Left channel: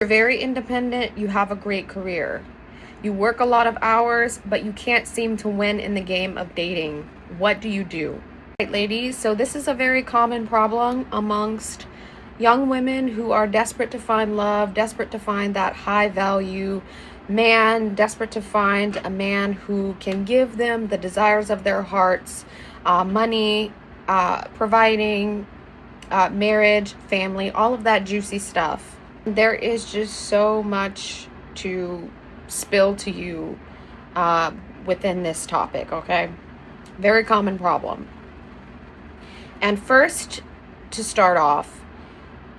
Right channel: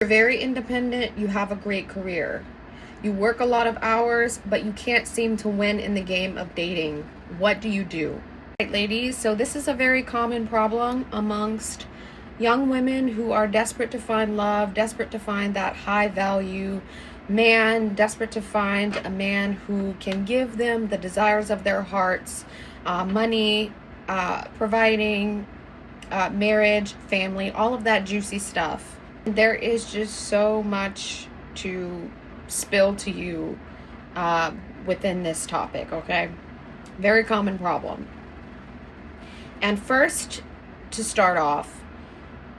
You're very independent, you have a great career. You work a lot of hours, but you can't seem to win in the game of dating. What do you do? Right, ladies, so this is a very common problem amongst young women who are desperate to find love, desperate to find that high value man, desperate to find a man who can give them the desires of their hearts, money, providing, marriage, family, all of that juicy stuff. There is just so much to spill to you within this topic, okay? Very common problem. And first, to start off,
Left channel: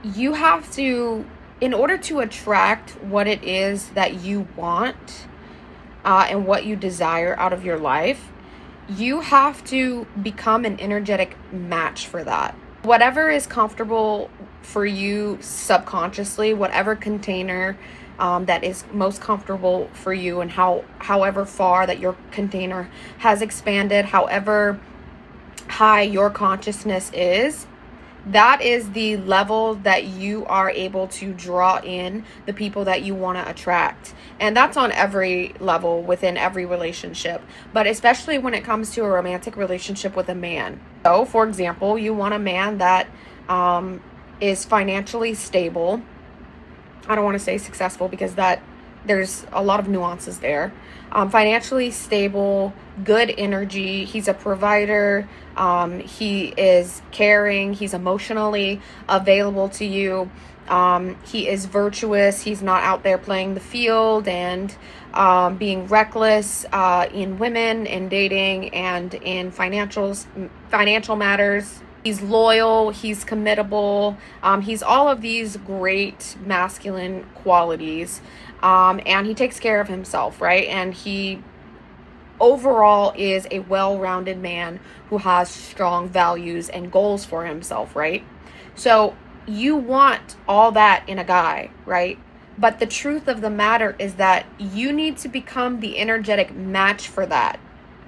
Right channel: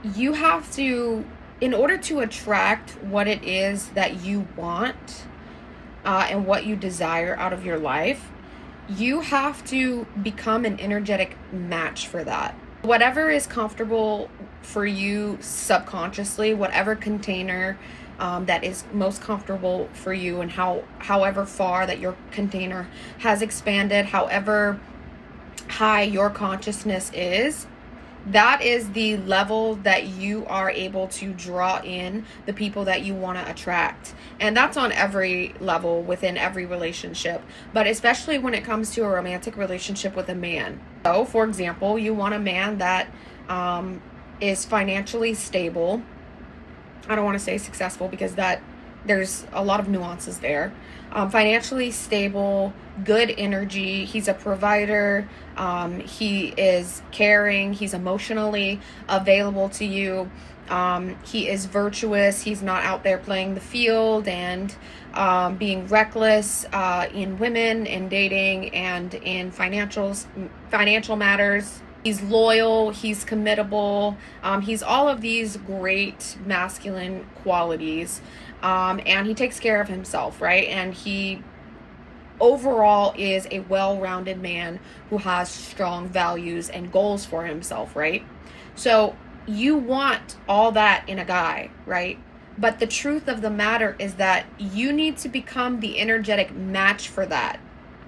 you have to, in order to attract what it is that you want and what you desire out of your life, you have to become an energetic match for that. Whatever is comfortable for you subconsciously, whatever container that is most comfortable for you, and however far that your container has expanded, however high your consciousness is, that is the level that you are able to draw in the people that you want to attract. And that's on every level within every relationship, but especially when it comes to a romantic relationship with a man. So, for example, you want a man that is financially stable. I don't want to say successful because there's a lot of nuances there. Financially stable, good energy. He's a provider. He is caring. He's emotionally available to you. He is virtuous. He's not out there playing the field and being reckless in women, in dating, and in financial matters. He's loyal. He's committable. He's all of these great masculine qualities. And he takes care of himself, right? And he overall is a well-rounded man who has strong values and goals for himself, right? So you want all that in a guy, right? But the truth of the matter is that you need to become the energetic match for that.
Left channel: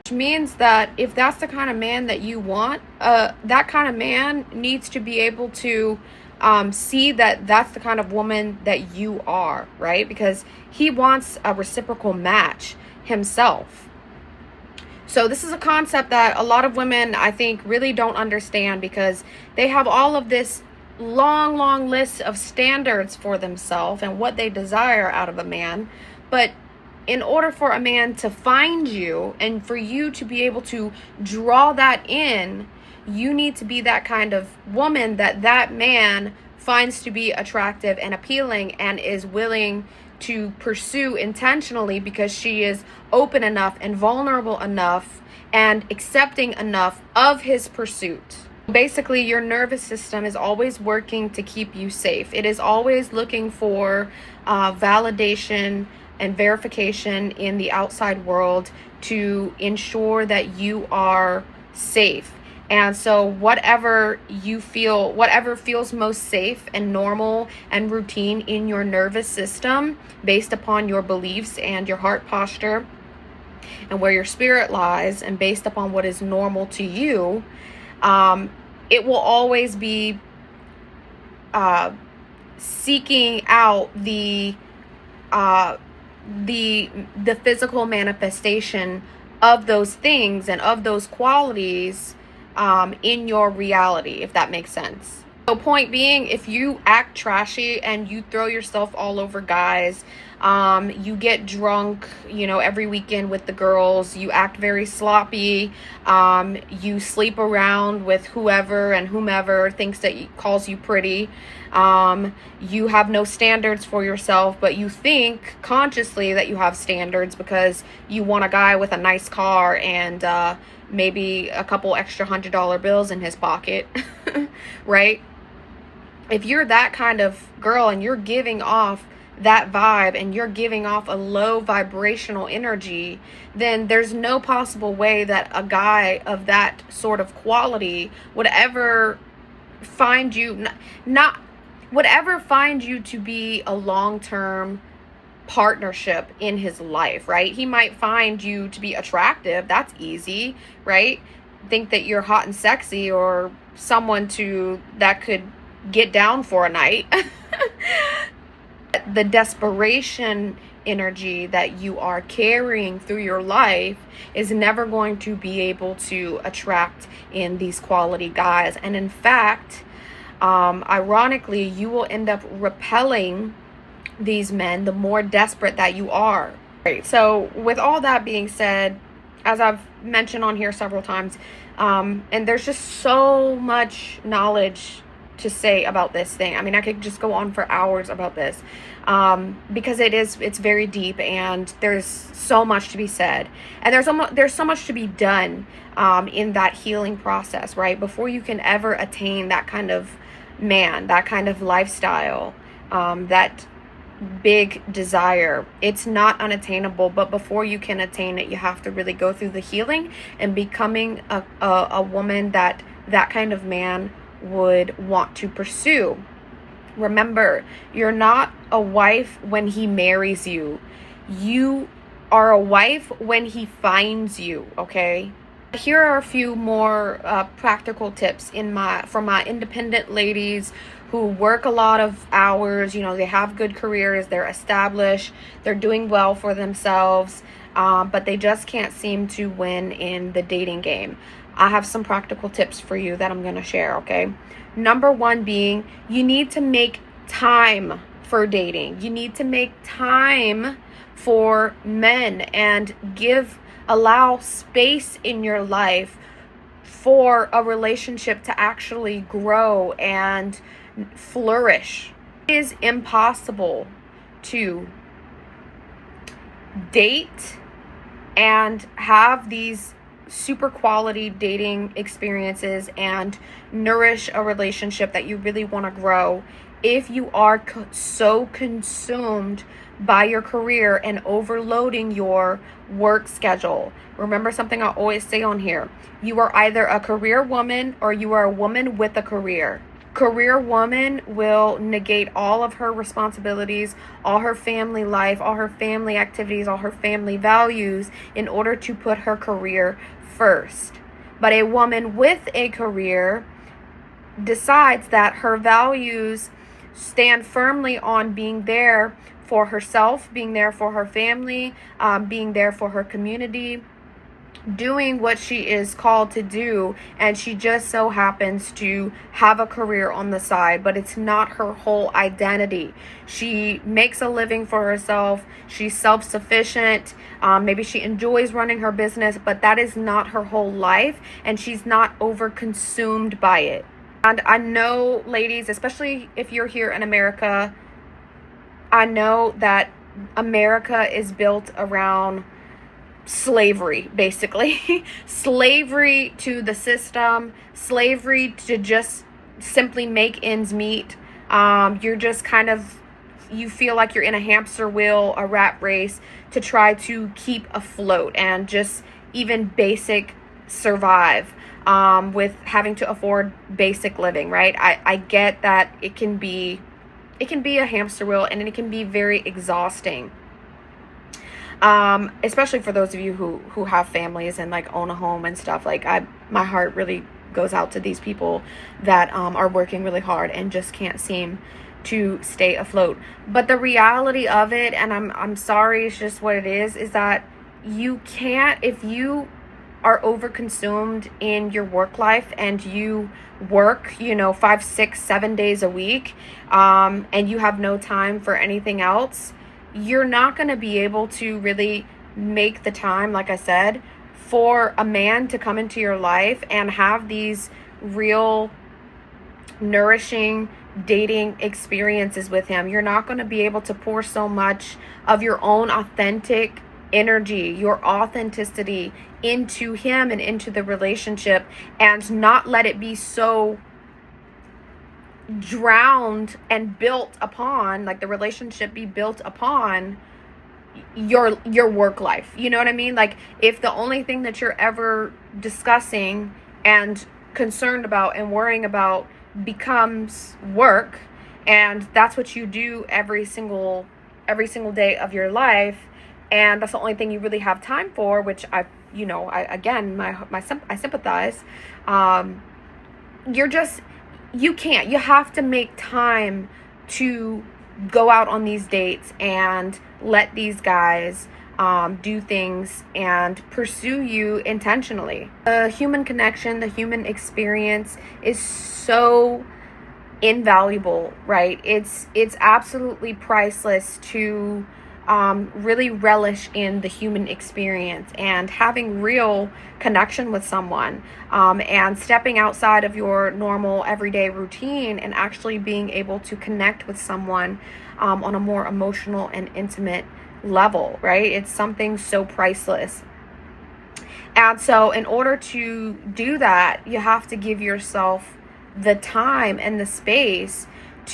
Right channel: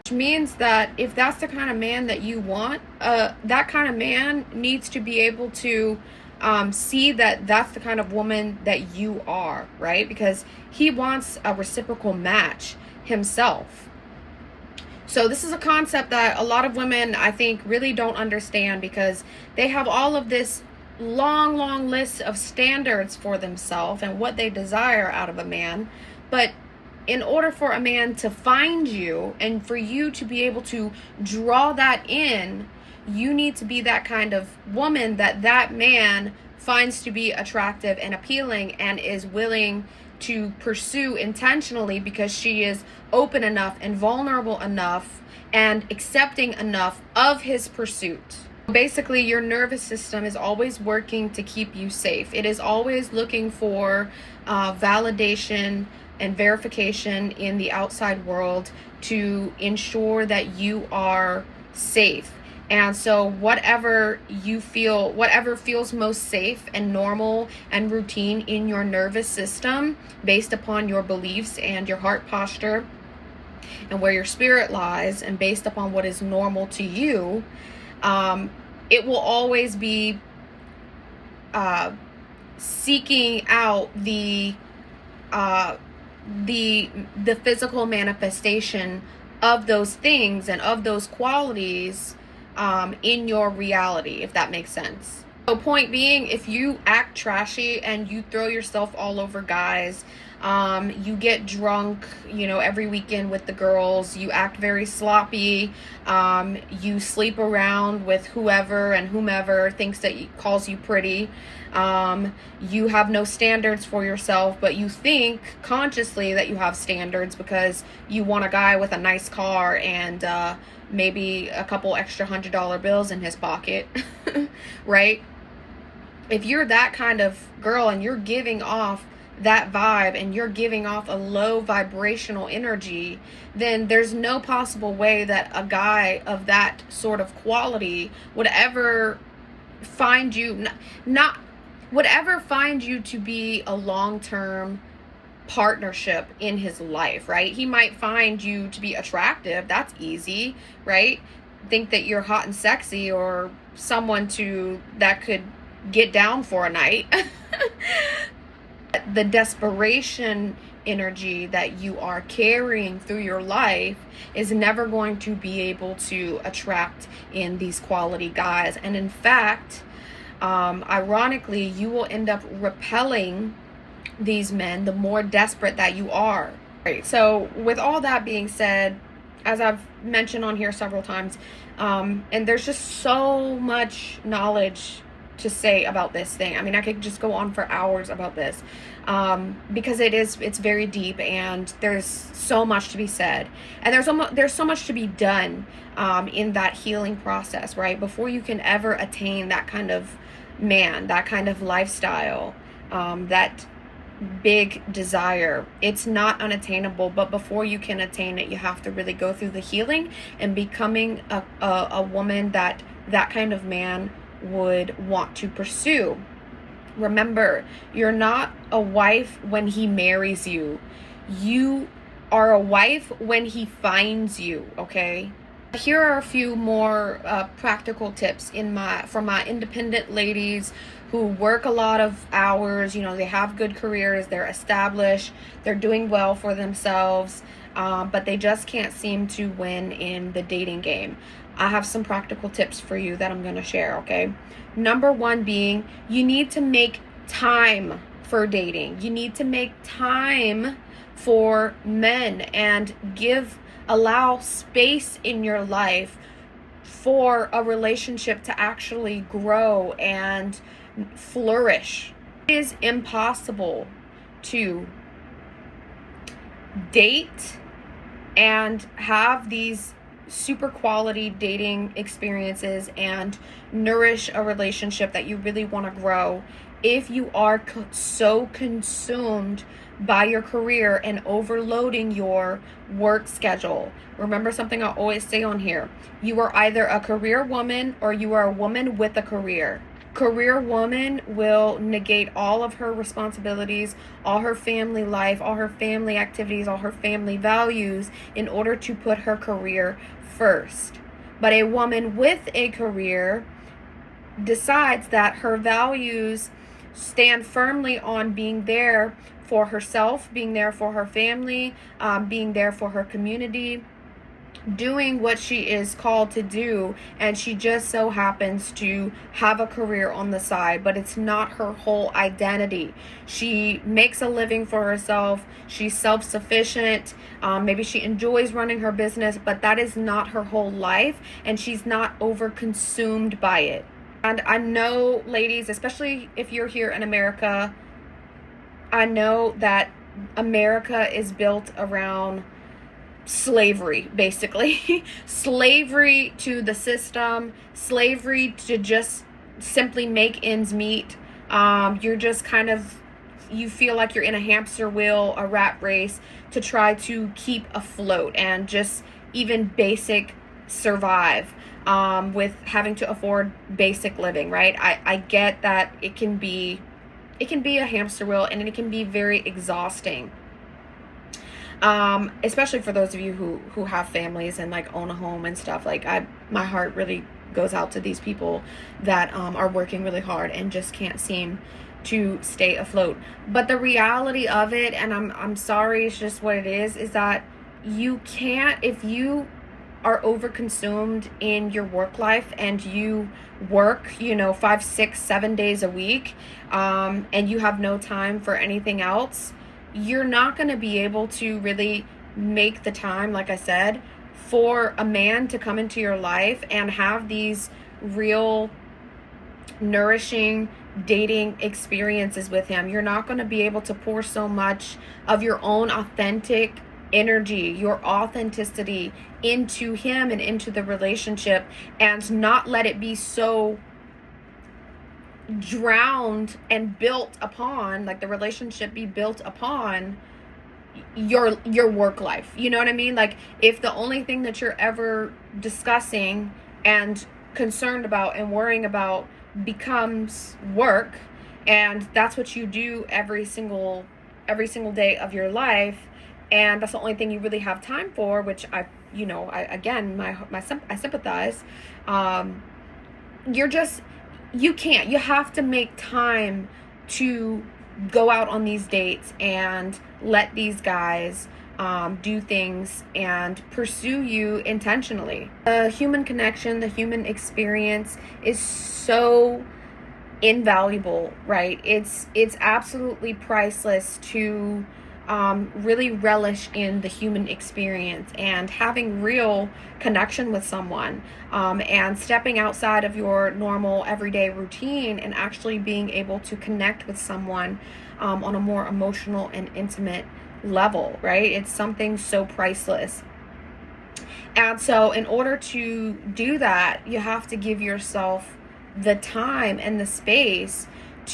Which means that if that's the kind of man that you want, that kind of man needs to be able to see that that's the kind of woman that you are, right? Because he wants a reciprocal match himself. So this is a concept that a lot of women, I think, really don't understand, because they have all of this long list of standards for themselves and what they desire out of a man. But in order for a man to find you and for you to be able to draw that in, you need to be that kind of woman that man finds to be attractive and appealing and is willing to pursue intentionally, because she is open enough and vulnerable enough and accepting enough of his pursuit. Basically, your nervous system is always working to keep you safe. It is always looking for validation and verification in the outside world to ensure that you are safe. And so whatever feels most safe and normal and routine in your nervous system, based upon your beliefs and your heart posture and where your spirit lies, and based upon what is normal to you, it will always be seeking out the physical manifestation of those things and of those qualities in your reality, if that makes sense. So point being, if you act trashy and you throw yourself all over guys, you get drunk, every weekend with the girls, you act very sloppy, you sleep around with whoever and whomever thinks that calls you pretty, you have no standards for yourself, but you think consciously that you have standards because you want a guy with a nice car and maybe a couple extra $100 bills in his pocket, right? If you're that kind of girl and you're giving off that vibe and you're giving off a low vibrational energy, then there's no possible way that a guy of that sort of quality would ever find you, find you to be a long-term partnership in his life, right? He might find you to be attractive. That's easy, right? Think that you're hot and sexy, or someone that could get down for a night. but the desperation energy that you are carrying through your life is never going to be able to attract in these quality guys. And in fact, ironically, you will end up repelling these men the more desperate that you are. Right. So with all that being said, as I've mentioned on here several times, and there's just so much knowledge to say about this thing. I mean, I could just go on for hours about this, because it's very deep, and there's so much to be said, and there's so much to be done in that healing process, right? Before you can ever attain that kind of man, that kind of lifestyle, that big desire, it's not unattainable. But before you can attain it, you have to really go through the healing and becoming a woman that kind of man would want to pursue. Remember, you're not a wife when he marries you. You are a wife when he finds you, okay? Here are a few more practical tips from my independent ladies who work a lot of hours. You know, they have good careers, they're established, they're doing well for themselves, but they just can't seem to win in the dating game. I have some practical tips for you that I'm going to share, okay? Number one being, you need to make time for dating. You need to make time for men and allow space in your life for a relationship to actually grow and flourish. It is impossible to date and have these super quality dating experiences and nourish a relationship that you really want to grow if you are so consumed by your career and overloading your work schedule. Remember something I always say on here: you are either a career woman or you are a woman with a career. Career woman will negate all of her responsibilities, all her family life, all her family activities, all her family values in order to put her career first. But a woman with a career decides that her values stand firmly on being there for herself, being there for her family, being there for her community, doing what she is called to do, and she just so happens to have a career on the side, but it's not her whole identity. She makes a living for herself, she's self-sufficient, maybe she enjoys running her business, but that is not her whole life, and she's not over-consumed by it. And I know, ladies, especially if you're here in America, I know that America is built around slavery, basically. Slavery to the system, slavery to just simply make ends meet. You're just kind of, you feel like you're in a hamster wheel, a rat race, to try to keep afloat and just even basic survive, with having to afford basic living, right? I get that it can be a hamster wheel, and it can be very exhausting. Especially for those of you who have families and like own a home and stuff. Like, my heart really goes out to these people that are working really hard and just can't seem to stay afloat. But the reality of it, and I'm sorry, it's just what it is that you can't, if you are overconsumed in your work life and you work, 5, 6, 7 days a week, and you have no time for anything else, you're not going to be able to really make the time, like I said, for a man to come into your life and have these real nourishing dating experiences with him. You're not going to be able to pour so much of your own authentic energy, your authenticity into him and into the relationship, and not let it be so drowned and built upon, like the relationship be built upon your work life. You know what I mean? Like, if the only thing that you're ever discussing and concerned about and worrying about becomes work, and that's what you do every single day of your life, and that's the only thing you really have time for, which I sympathize. You have to make time to go out on these dates and let these guys do things and pursue you intentionally. The human connection, the human experience is so invaluable, right? It's absolutely priceless to really relish in the human experience and having real connection with someone, and stepping outside of your normal everyday routine and actually being able to connect with someone on a more emotional and intimate level, right? It's something so priceless. And so in order to do that, you have to give yourself the time and the space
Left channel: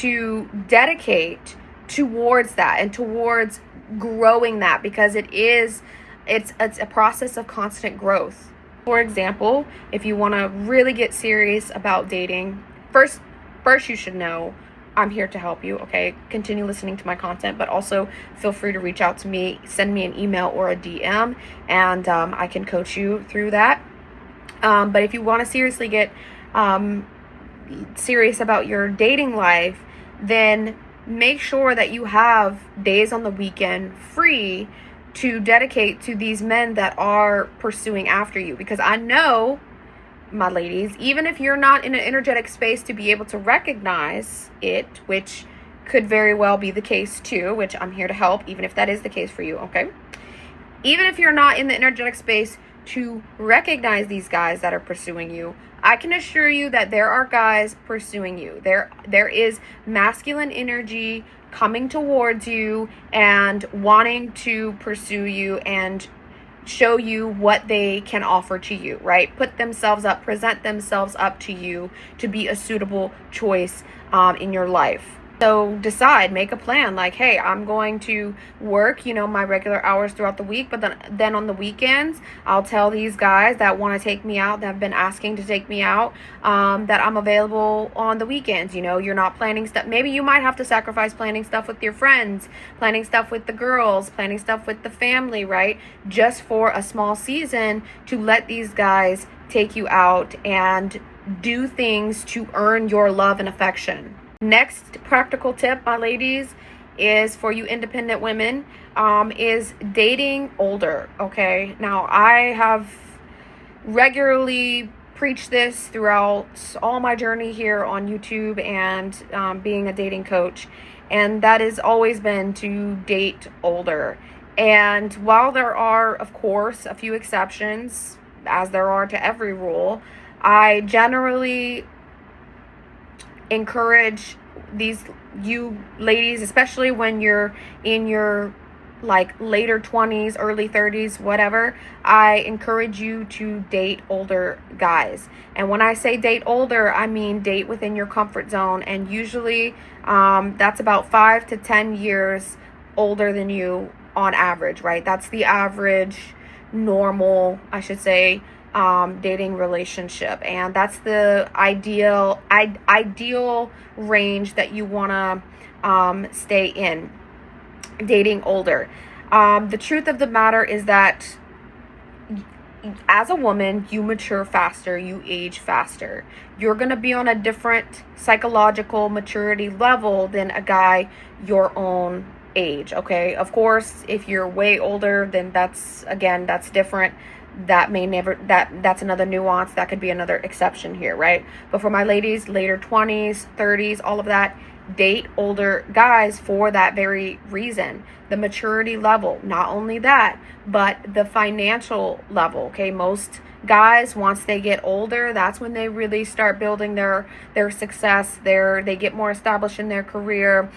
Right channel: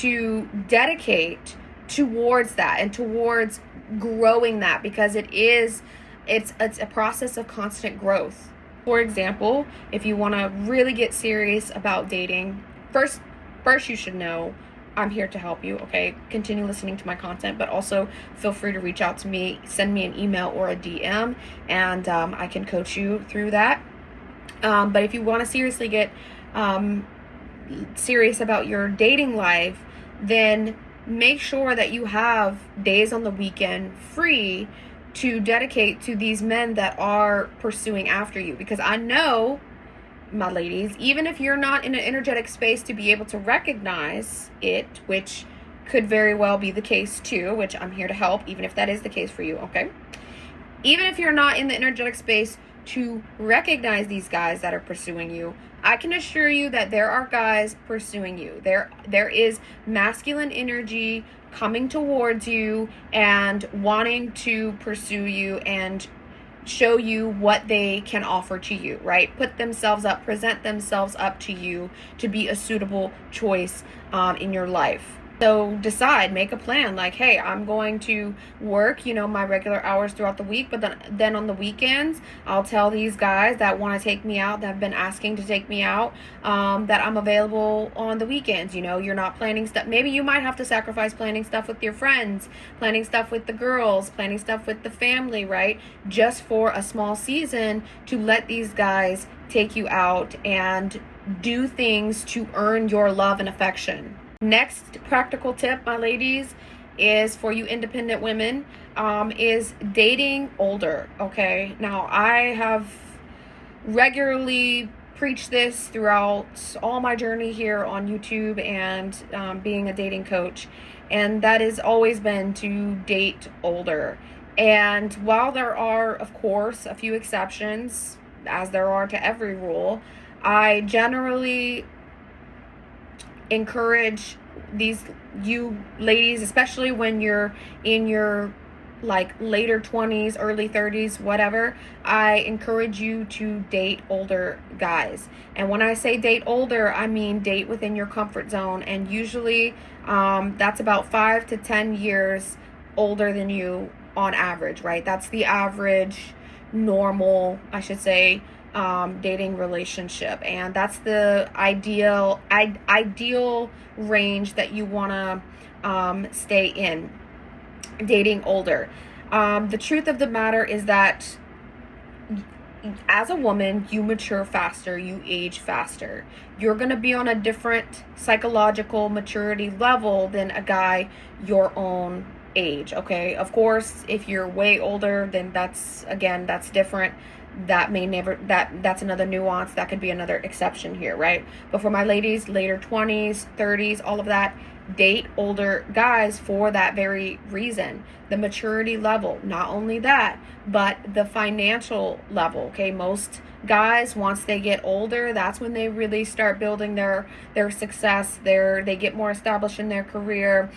to dedicate towards that and towards growing that, because it's a process of constant growth. For example, if you want to really get serious about dating, first you should know I'm here to help you, okay? Continue listening to my content, but also feel free to reach out to me, send me an email or a DM, and I can coach you through that. But if you want to seriously get serious about your dating life, then make sure that you have days on the weekend free to dedicate to these men that are pursuing after you. Because I know, my ladies, even if you're not in an energetic space to be able to recognize it, which could very well be the case too, which I'm here to help, even if that is the case for you, okay? Even if you're not in the energetic space to recognize these guys that are pursuing you, I can assure you that there are guys pursuing you. There is masculine energy coming towards you and wanting to pursue you and show you what they can offer to you, right? Put themselves up, present themselves up to you to be a suitable choice in your life. So decide, make a plan, like, hey, I'm going to work, my regular hours throughout the week, but then on the weekends, I'll tell these guys that want to take me out, that have been asking to take me out, that I'm available on the weekends. You're not planning stuff. Maybe you might have to sacrifice planning stuff with your friends, planning stuff with the girls, planning stuff with the family, right? Just for a small season to let these guys take you out and do things to earn your love and affection. Next practical tip, my ladies, is for you independent women, is dating older, okay? Now, I have regularly preached this throughout all my journey here on YouTube and being a dating coach, and that has always been to date older. And while there are, of course, a few exceptions, as there are to every rule, I generally encourage you ladies, especially when you're in your later 20s, early 30s, whatever, I encourage you to date older guys. And when I say date older, I mean date within your comfort zone, and usually that's about 5 to 10 years older than you on average, right? That's the average normal, I should say, dating relationship, and that's the ideal range that you want to stay in, dating older. The truth of the matter is that as a woman, you mature faster, you age faster. You're going to be on a different psychological maturity level than a guy your own age, okay? Of course, if you're way older, then that's different. That's another nuance. That could be another exception here, right? But for my ladies, later 20s, 30s, all of that, date older guys for that very reason. The maturity level, not only that, but the financial level, okay? Most guys, once they get older, that's when they really start building their success. They get more established in their career.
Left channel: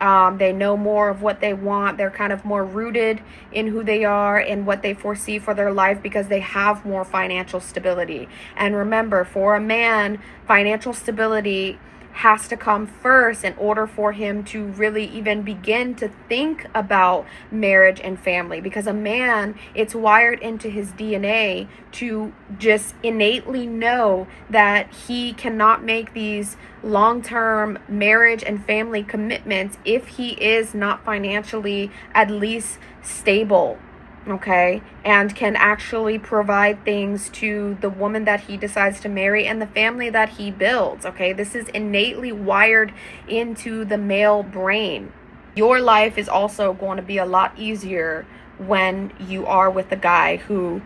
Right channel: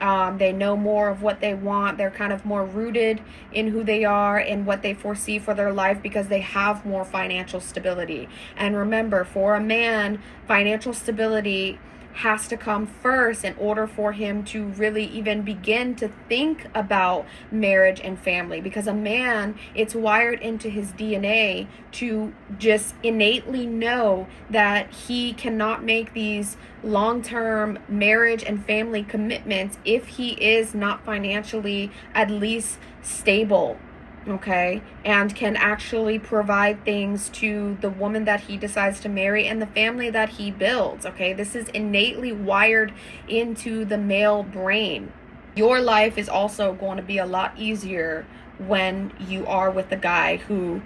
They know more of what they want. They're kind of more rooted in who they are and what they foresee for their life because they have more financial stability. And remember, for a man, financial stability has to come first in order for him to really even begin to think about marriage and family, because a man, it's wired into his DNA to just innately know that he cannot make these long-term marriage and family commitments if he is not financially at least stable, okay, and can actually provide things to the woman that he decides to marry and the family that he builds, okay? This is innately wired into the male brain. Your life is also going to be a lot easier when you are with a guy who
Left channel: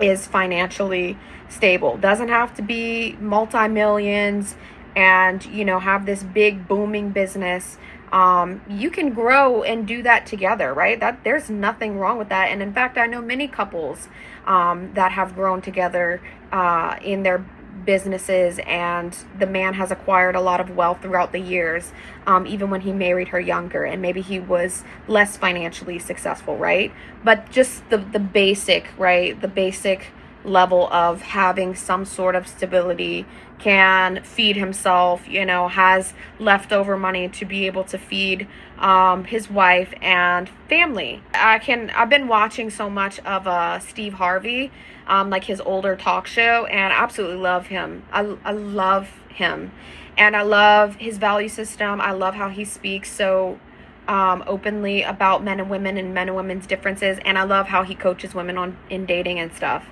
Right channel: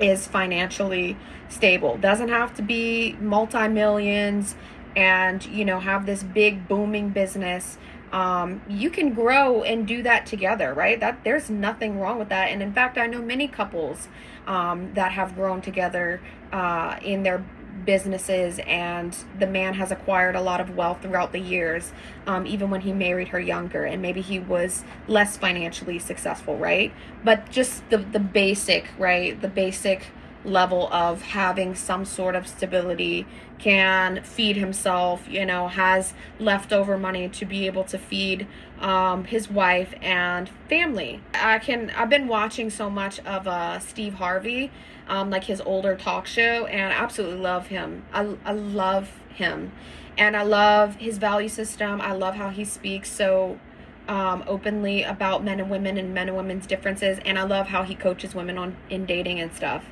is financially stable. Doesn't have to be multi-millions and, you know, have this big booming business. You can grow and do that together, right? There's nothing wrong with that. And in fact, I know many couples that have grown together in their businesses, and the man has acquired a lot of wealth throughout the years, even when he married her younger, and maybe he was less financially successful, right? But just the basic, right? The basic level of having some sort of stability, can feed himself, you know, has leftover money to be able to feed his wife and family. I've been watching so much of Steve Harvey, like his older talk show, and I absolutely love him. I love him, and I love his value system. I love how he speaks so openly about men and women and men and women's differences, and I love how he coaches women in dating and stuff.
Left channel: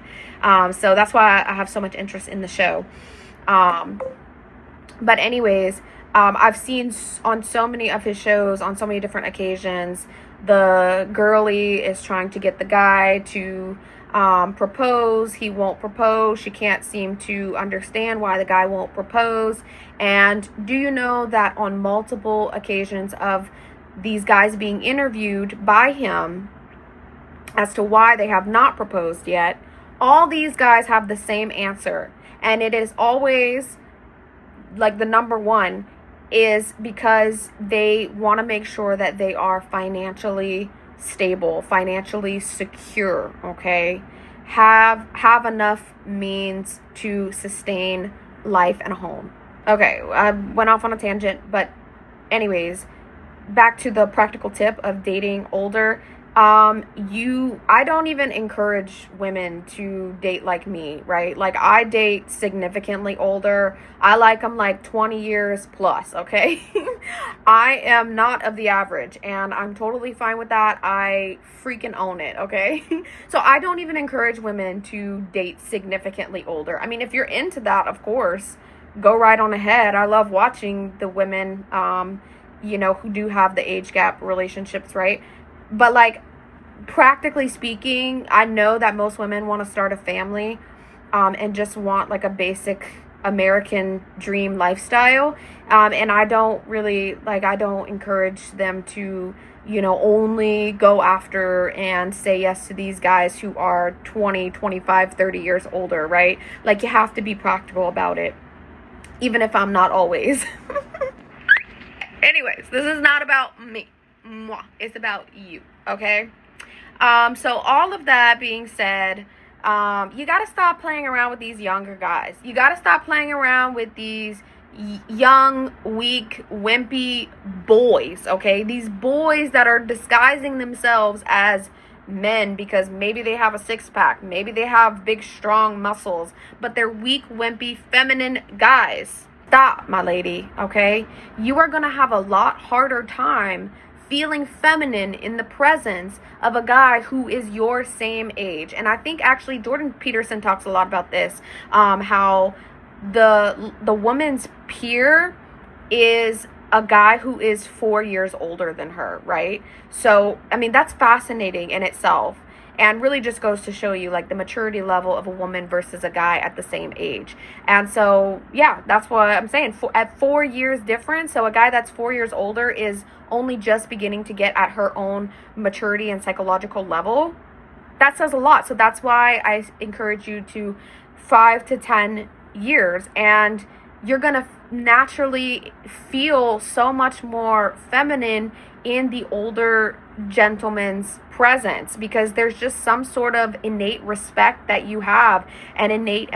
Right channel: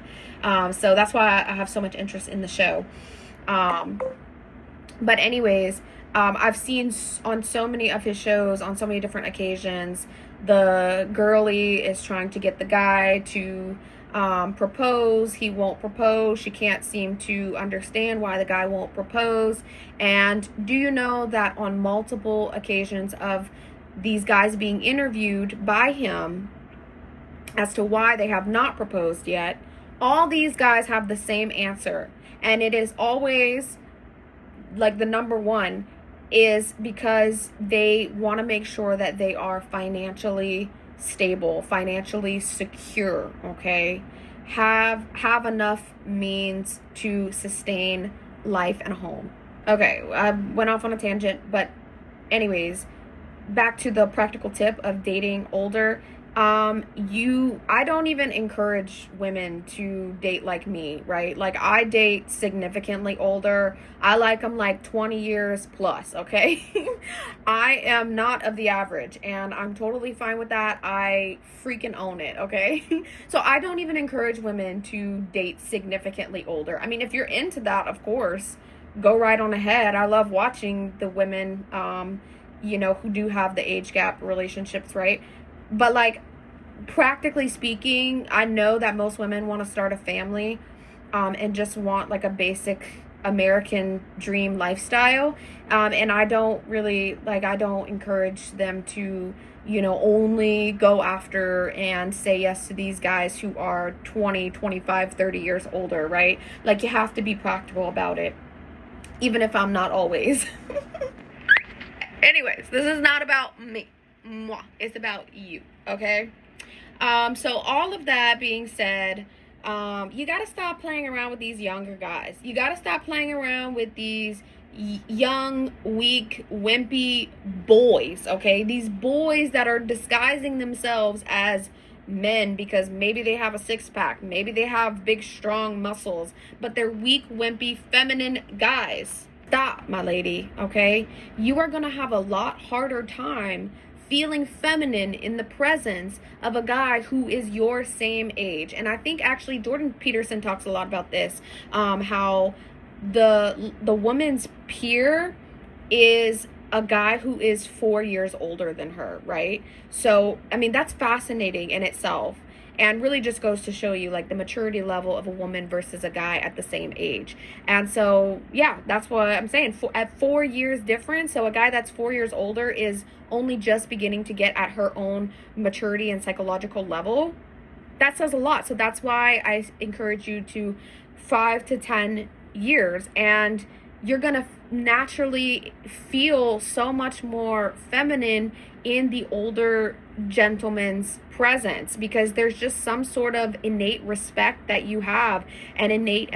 So that's why I have so much interest in the show. But anyways, I've seen on so many of his shows, on so many different occasions, the girlie is trying to get the guy to propose. He won't propose. She can't seem to understand why the guy won't propose. And do you know that on multiple occasions of these guys being interviewed by him as to why they have not proposed yet, all these guys have the same answer. And it is always, like, the number one is because they want to make sure that they are financially stable, financially secure, okay? Have enough means to sustain life and a home. Okay, I went off on a tangent, but anyways, back to the practical tip of dating older. I don't even encourage women to date like me, right? Like, I date significantly older. I like them like 20 years plus, okay? I am not of the average, and I'm totally fine with that. I freaking own it, okay? So I don't even encourage women to date significantly older. I mean, if you're into that, of course, go right on ahead. I love watching the women, you know, who do have the age gap relationships, right? But, like, practically speaking, I know that most women want to start a family and just want, like, a basic American dream lifestyle. And I don't really, like, I don't encourage them to, you know, only go after and say yes to these guys who are 20, 25, 30 years older, right? Like, you have to be practical about it, even if I'm not always. Anyways, this is not about me. Mwah. It's about you, okay? So all of that being said, you gotta stop playing around with these younger guys. You gotta stop playing around with these young, weak, wimpy boys, okay? These boys that are disguising themselves as men because maybe they have a six-pack, maybe they have big, strong muscles, but they're weak, wimpy, feminine guys. Stop, my lady, okay? You are gonna have a lot harder time feeling feminine in the presence of a guy who is your same age. And I think actually Jordan Peterson talks a lot about this, how the woman's peer is a guy who is 4 years older than her, right? So, I mean, that's fascinating in itself, and really just goes to show you, like, the maturity level of a woman versus a guy at the same age. And so, yeah, that's what I'm saying. At 4 years difference, so a guy that's 4 years older is only just beginning to get at her own maturity and psychological level. That says a lot. So that's why I encourage you to 5 to 10 years, and you're gonna naturally feel so much more feminine in the older gentleman's presence, because there's just some sort of innate respect that you have, and innate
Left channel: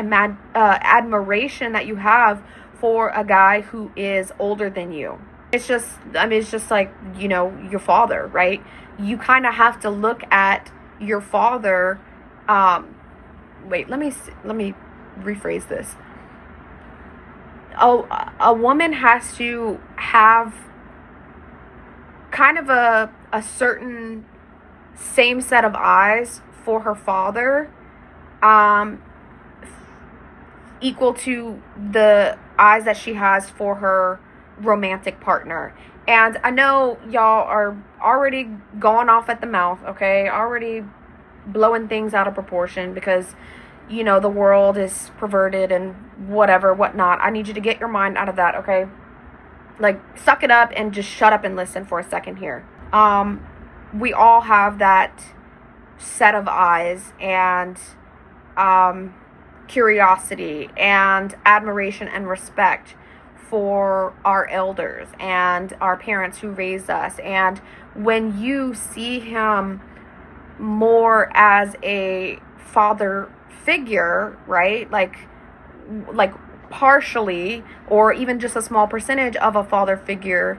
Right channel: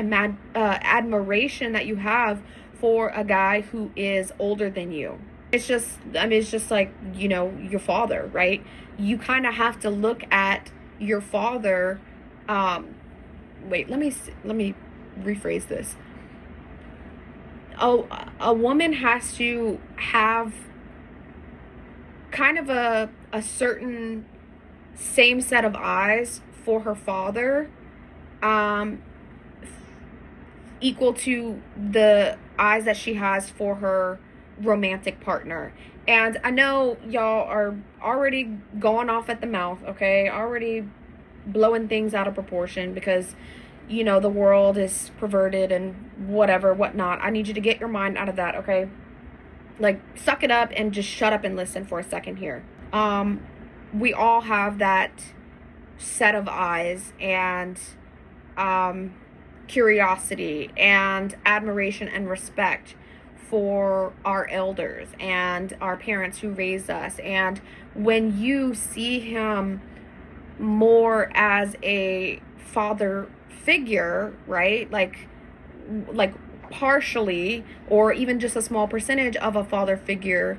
admiration that you have for a guy who is older than you. It's just, I mean, it's just like, you know, your father, right? You kind of have to look at your father. Wait, let me rephrase this. A woman has to have kind of a certain same set of eyes for her father, equal to the eyes that she has for her romantic partner. And I know y'all are already going off at the mouth, okay? Already blowing things out of proportion because, you know, the world is perverted and whatever, whatnot. I need you to get your mind out of that, okay? Like, suck it up and just shut up and listen for a second here. We all have that set of eyes and curiosity and admiration and respect for our elders and our parents who raised us. And when you see him more as a father figure, right, like partially or even just a small percentage of a father figure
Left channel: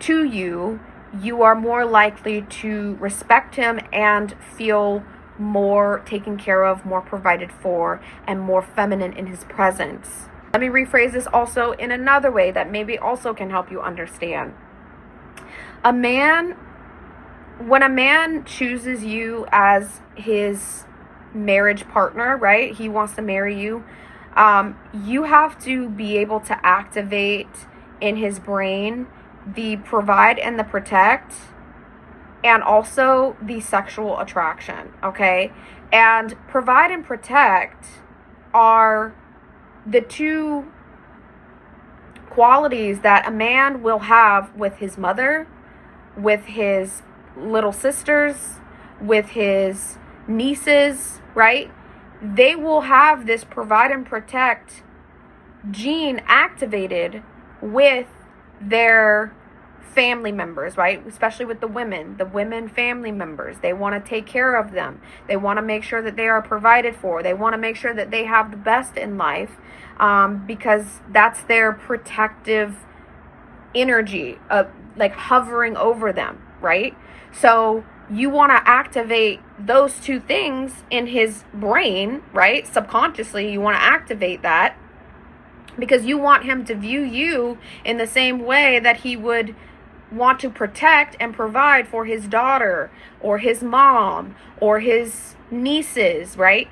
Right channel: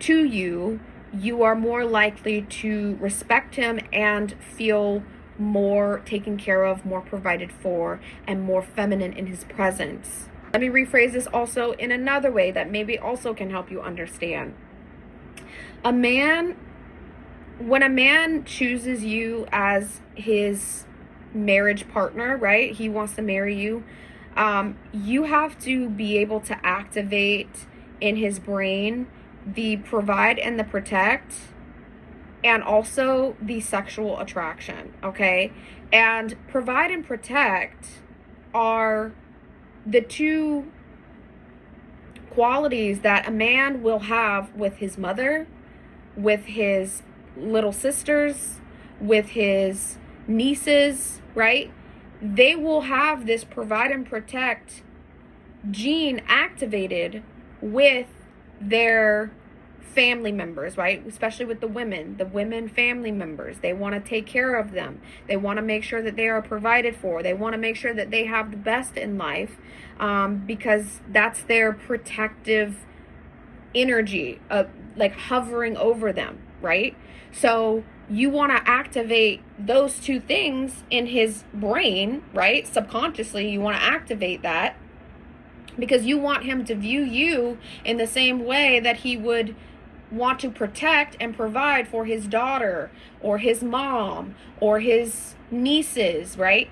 to you, you are more likely to respect him and feel more taken care of, more provided for, and more feminine in his presence. Let me rephrase this also in another way that maybe also can help you understand. When a man chooses you as his marriage partner, right? He wants to marry you. You have to be able to activate in his brain the provide and the protect, and also the sexual attraction, okay? And provide and protect are the two qualities that a man will have with his mother, with his little sisters, with his nieces, right? They will have this provide and protect gene activated with their family members, right? Especially with the women family members. They want to take care of them. They want to make sure that they are provided for. They want to make sure that they have the best in life, because that's their protective energy, like hovering over them, right? So you want to activate those two things in his brain, right? Subconsciously, you want to activate that because you want him to view you in the same way that he would want to protect and provide for his daughter or his mom or his nieces, right?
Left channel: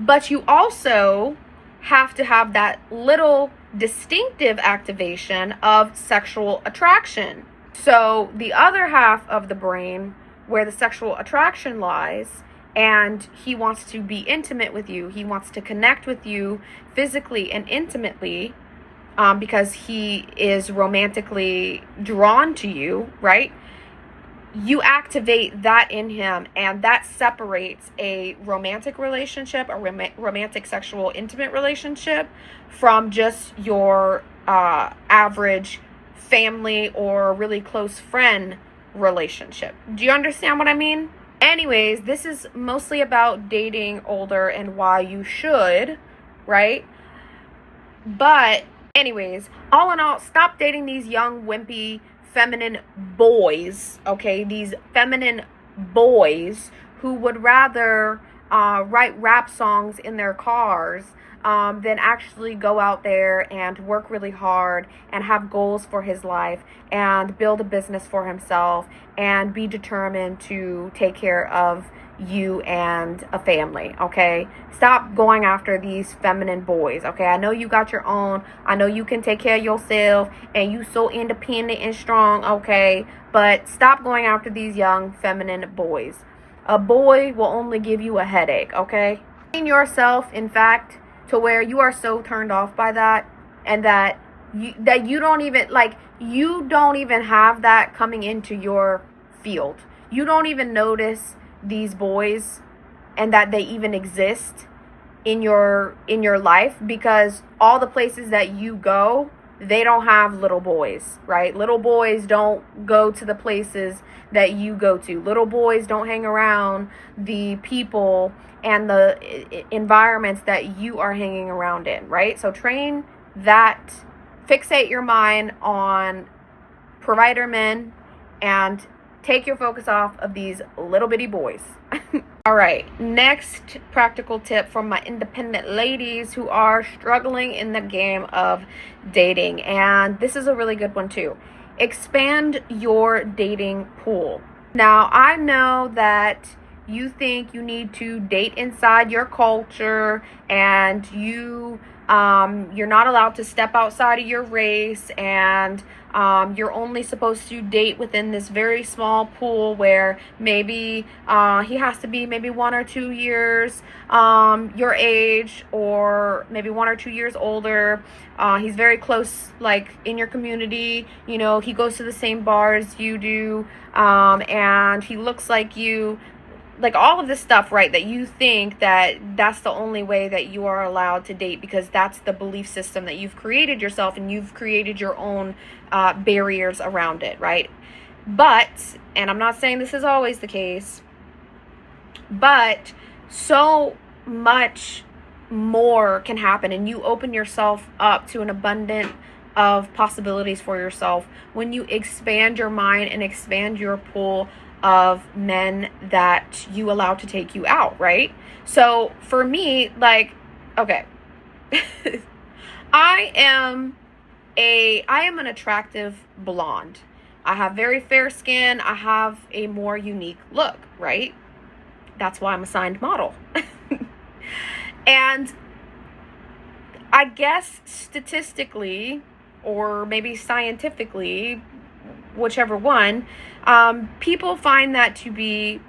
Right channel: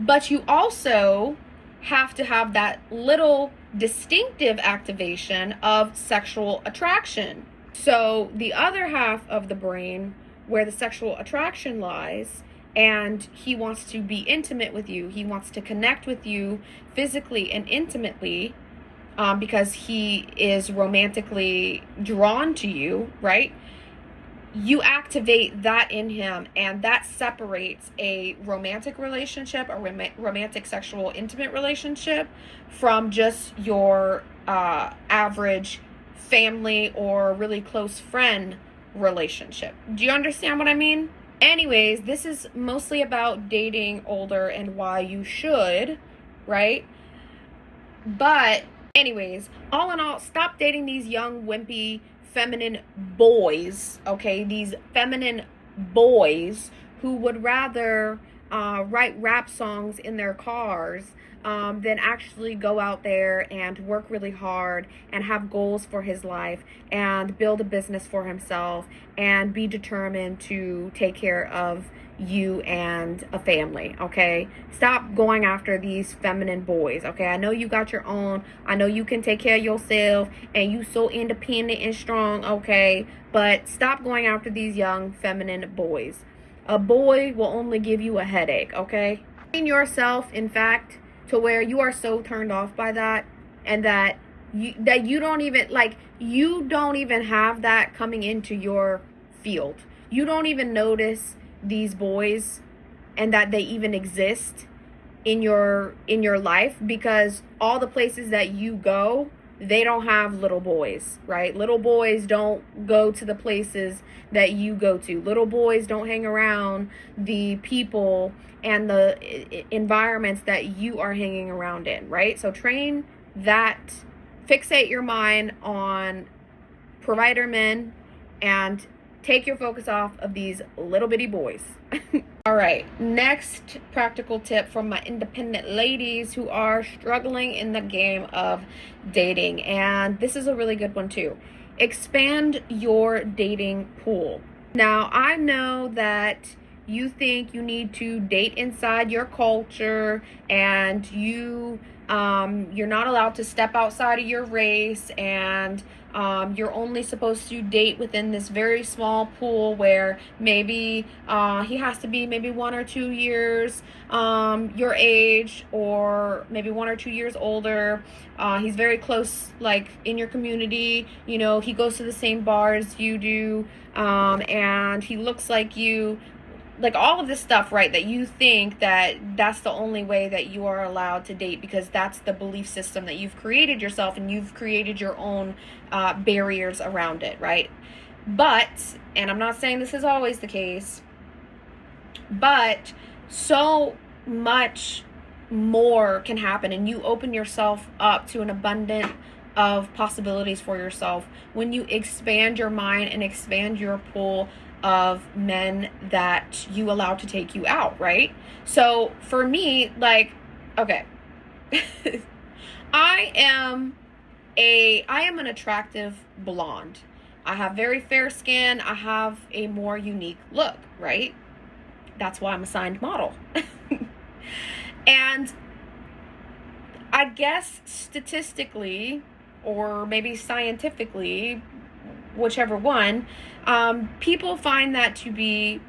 But you also have to have that little distinctive activation of sexual attraction. So the other half of the brain where the sexual attraction lies, and he wants to be intimate with you, he wants to connect with you physically and intimately, because he is romantically drawn to you, right? You activate that in him, and that separates a romantic relationship, a romantic sexual intimate relationship, from just your average family or really close friend relationship. Do you understand what I mean? Anyways, this is mostly about dating older and why you should, right? But anyways, all in all, stop dating these young, wimpy, feminine boys, okay? These feminine boys who would rather write rap songs in their cars than actually go out there and work really hard and have goals for his life and build a business for himself and be determined to take care of you and a family, okay? Stop going after these feminine boys, okay? I know you got your own. I know you can take care of yourself and you so independent and strong, okay? But stop going after these young feminine boys. A boy will only give you a headache, okay? Yourself, in fact, to where you are so turned off by that, and that you don't even, like, you don't even have that coming into your field. You don't even notice these boys and that they even exist in your life, because all the places that you go, they don't have little boys, right? Little boys don't go to the places that you go to. Little boys don't hang around the people and the environments that you are hanging around in, right? So train that, fixate your mind on provider men and take your focus off of these little bitty boys. All right, next practical tip from my independent ladies who are struggling in the game of dating, and this is a really good one too. Expand your dating pool. Now, I know that you think you need to date inside your culture, and you're not allowed to step outside of your race, and You're only supposed to date within this very small pool where maybe he has to be maybe 1 or 2 years your age, or maybe 1 or 2 years older. He's very close, like in your community, you know, he goes to the same bars you do, and he looks like you. Like all of this stuff, right, that you think that that's the only way that you are allowed to date, because that's the belief system that you've created yourself, and you've created your own barriers around it, right? But, and I'm not saying this is always the case, but so much more can happen, and you open yourself up to an abundance of possibilities for yourself when you expand your mind and expand your pool of men that you allow to take you out, right? So for me, like, okay, I am an attractive blonde. I have very fair skin. I have a more unique look, right? That's why I'm a signed model. And I guess statistically, or maybe scientifically, whichever one, people find that to be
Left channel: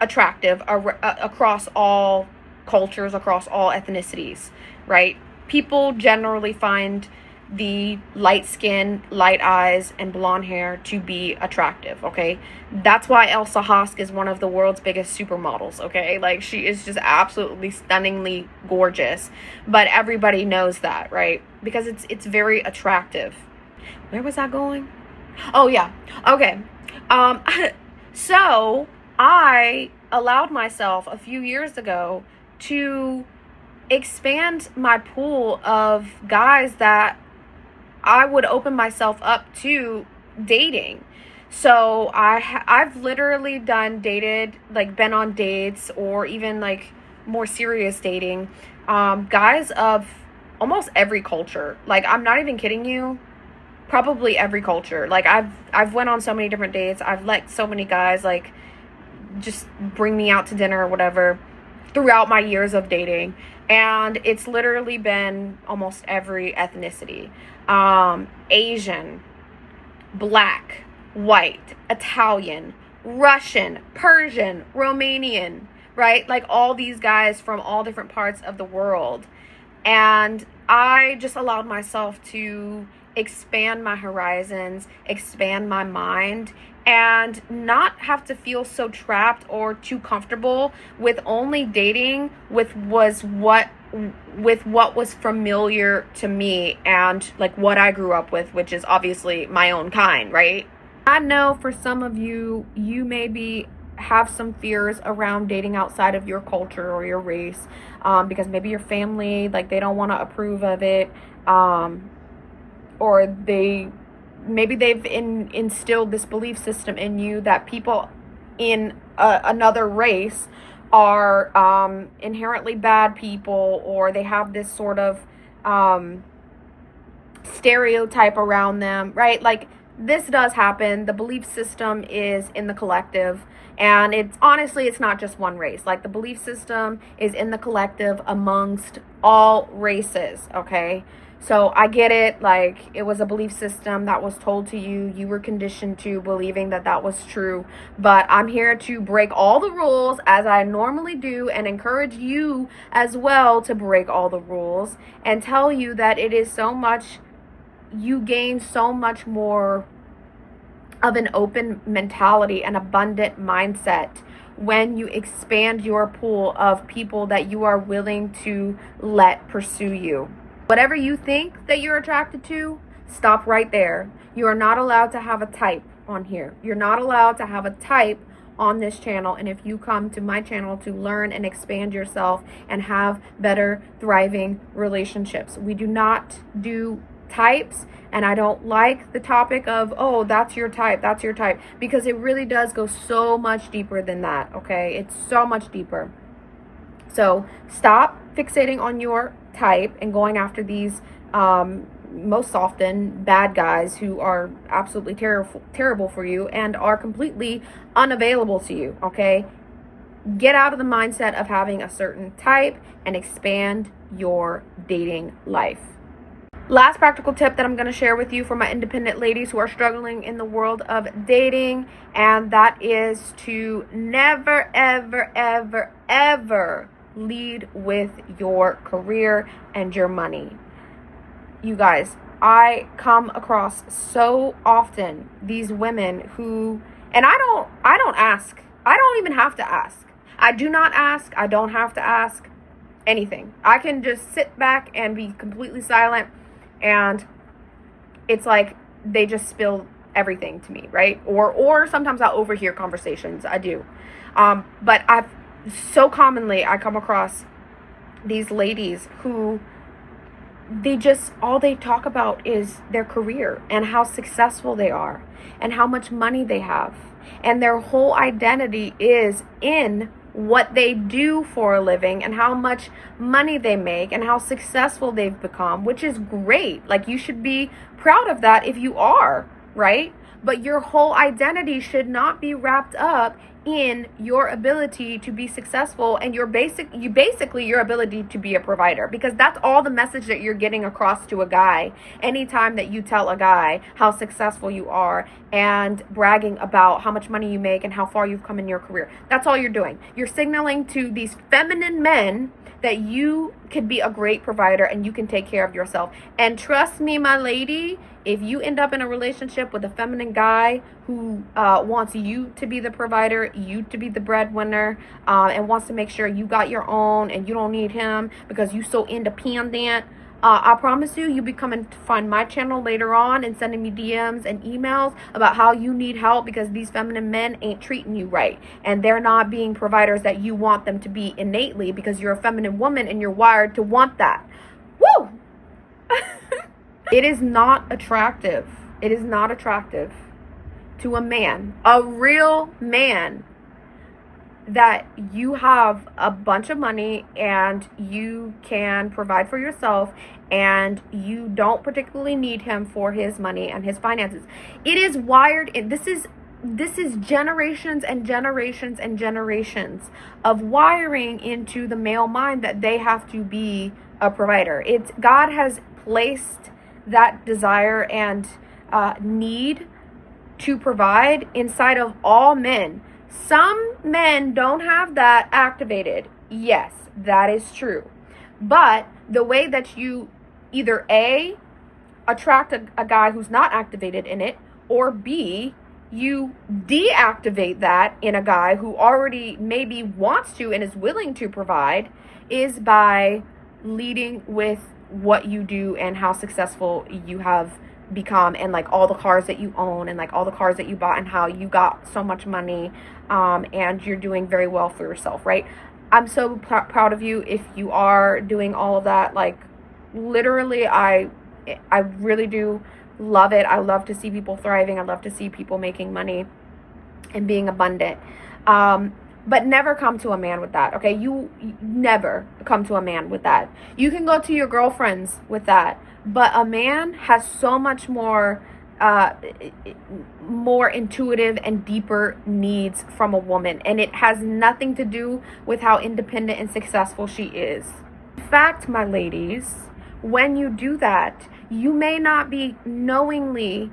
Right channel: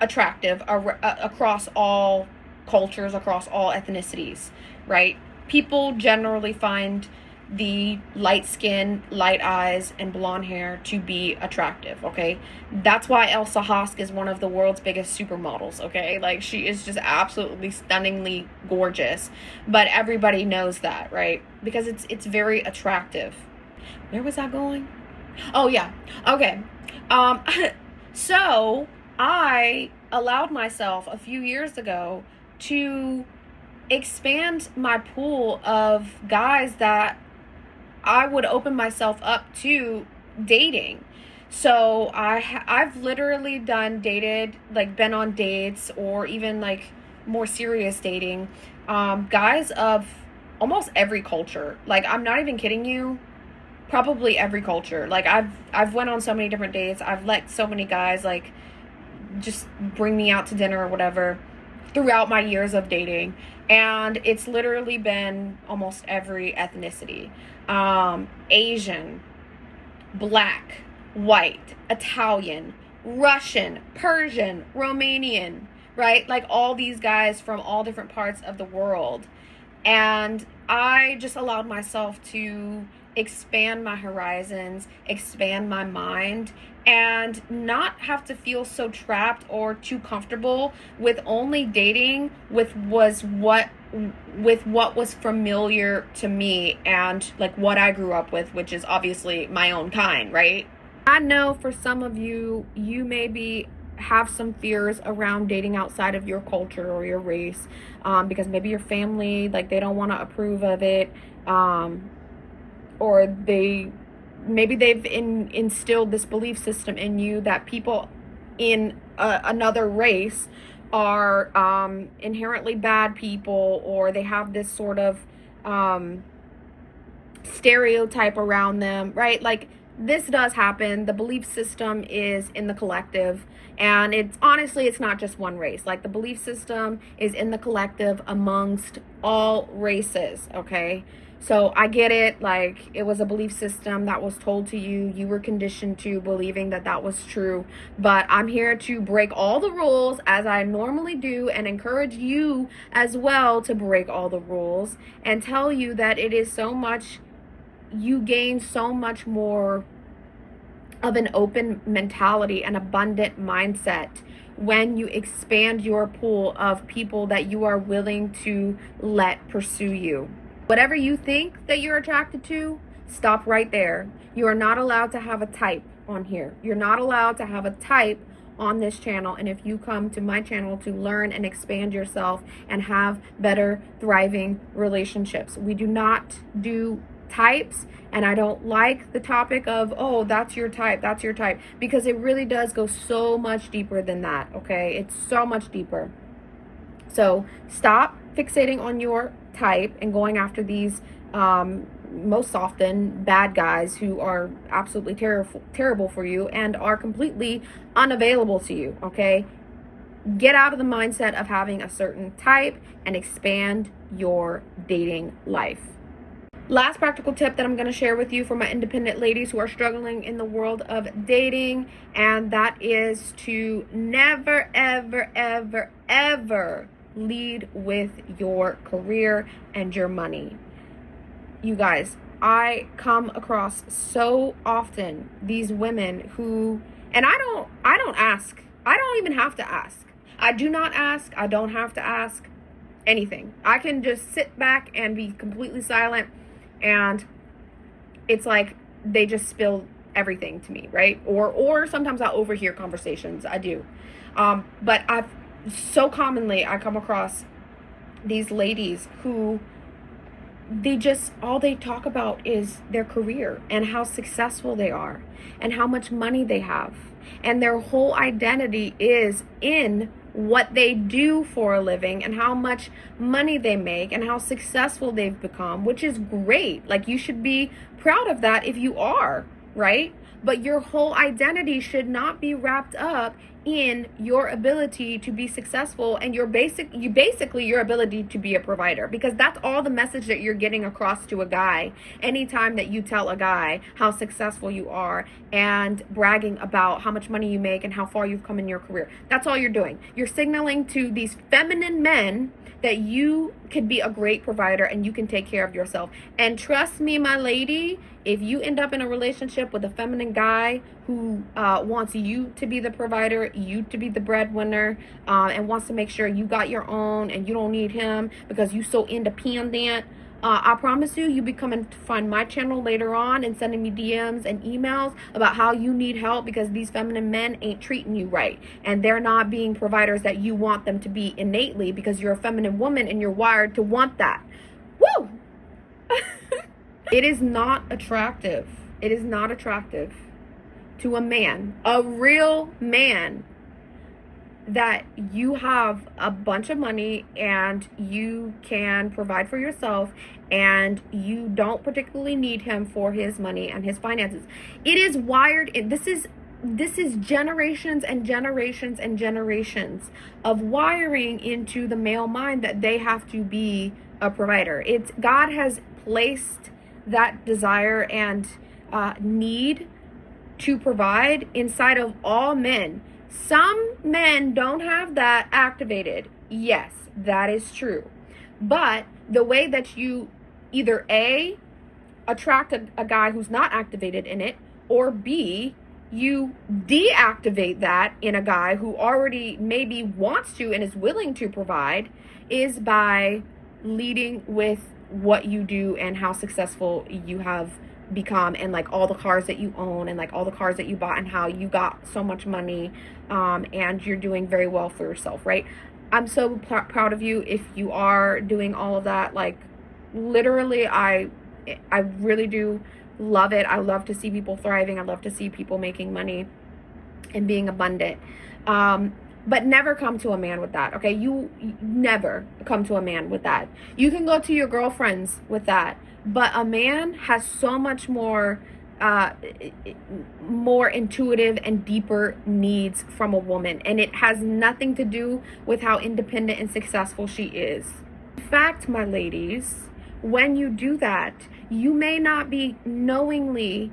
attractive across all cultures, across all ethnicities, right? People generally find the light skin, light eyes, and blonde hair to be attractive, okay? That's why Elsa Hosk is one of the world's biggest supermodels, okay? Like, she is just absolutely stunningly gorgeous, but everybody knows that, right? Because it's very attractive. Where was I going? Oh yeah, okay. So I allowed myself a few years ago to expand my pool of guys that I would open myself up to dating. So I've literally been on dates, or even like more serious dating, guys of almost every culture. Like, I'm not even kidding you. Probably every culture. Like, I've went on so many different dates. I've let so many guys like just bring me out to dinner or whatever throughout my years of dating, and it's literally been almost every ethnicity. Asian, black, white, Italian, Russian, Persian, Romanian, right? Like, all these guys from all different parts of the world. And I just allowed myself to expand my horizons, expand my mind, and not have to feel so trapped or too comfortable with only dating with what was familiar to me and like what I grew up with, which is obviously my own kind, right? I know for some of you, you maybe have some fears around dating outside of your culture or your race, because maybe your family, like, they don't want to approve of it, or maybe they've instilled this belief system in you that people in another race are inherently bad people, or they have this sort of stereotype around them, right? Like, this does happen. The belief system is in the collective, and it's not just one race. Like, the belief system is in the collective amongst all races, okay? So I get it, like, it was a belief system that was told to you. You were conditioned to believing that that was true. But I'm here to break all the rules, as I normally do, and encourage you as well to break all the rules and tell you that it is so much, you gain so much more of an open mentality, an abundant mindset, when you expand your pool of people that you are willing to let pursue you. Whatever you think that you're attracted to, stop right there. You are not allowed to have a type on here. You're not allowed to have a type on this channel. And if you come to my channel to learn and expand yourself and have better, thriving relationships, we do not do types. And I don't like the topic of, oh, that's your type, because it really does go so much deeper than that, okay? It's so much deeper. So stop fixating on your type and going after these most often bad guys who are absolutely terrible for you and are completely unavailable to you, okay? Get out of the mindset of having a certain type and expand your dating life. Last practical tip that I'm going to share with you for my independent ladies who are struggling in the world of dating, and that is to never, ever, ever, ever lead with your career and your money. You guys, I come across so often these women who, and I don't ask. I don't even have to ask. I do not ask. I don't have to ask anything. I can just sit back and be completely silent, and it's like they just spill everything to me, right? Or sometimes I overhear conversations. I do. But so commonly I come across these ladies who all they talk about is their career and how successful they are and how much money they have. And their whole identity is in what they do for a living and how much money they make and how successful they've become, which is great. Like, you should be proud of that if you are, right? But your whole identity should not be wrapped up in your ability to be successful and your ability to be a provider, because that's all the message that you're getting across to a guy anytime that you tell a guy how successful you are and bragging about how much money you make and how far you've come in your career. That's all you're doing. You're signaling to these feminine men that you can be a great provider and you can take care of yourself. And trust me, my lady, if you end up in a relationship with a feminine guy who wants you to be the provider, you to be the breadwinner, and wants to make sure you got your own and you don't need him because you're so independent, I promise you be coming to find my channel later on and sending me DMs and emails about how you need help because these feminine men ain't treating you right. And they're not being providers that you want them to be innately because you're a feminine woman and you're wired to want that. Woo! It is not attractive. It is not attractive to a man, a real man, that you have a bunch of money and you can provide for yourself and you don't particularly need him for his money and his finances. It is wired. This is generations and generations and generations of wiring into the male mind that they have to be a provider. God has placed that desire and need to provide inside of all men. Some men don't have that activated. Yes, that is true. But the way that you either A, attract a guy who's not activated in it, or B, you deactivate that in a guy who already maybe wants to and is willing to provide, is by leading with what you do and how successful you have become and like all the cars that you own and like all the cars that you bought and how you got so much money and you're doing very well for yourself, right? I'm so proud of you if you are doing all of that. Like, literally, I really do love it. I love to see people thriving. I love to see people making money and being abundant. But never come to a man with that, okay? You never come to a man with that. You can go to your girlfriends with that, but a man has so much more intuitive and deeper needs from a woman, and it has nothing to do with how independent and successful she is. In fact, my ladies, when you do that, you may not be knowingly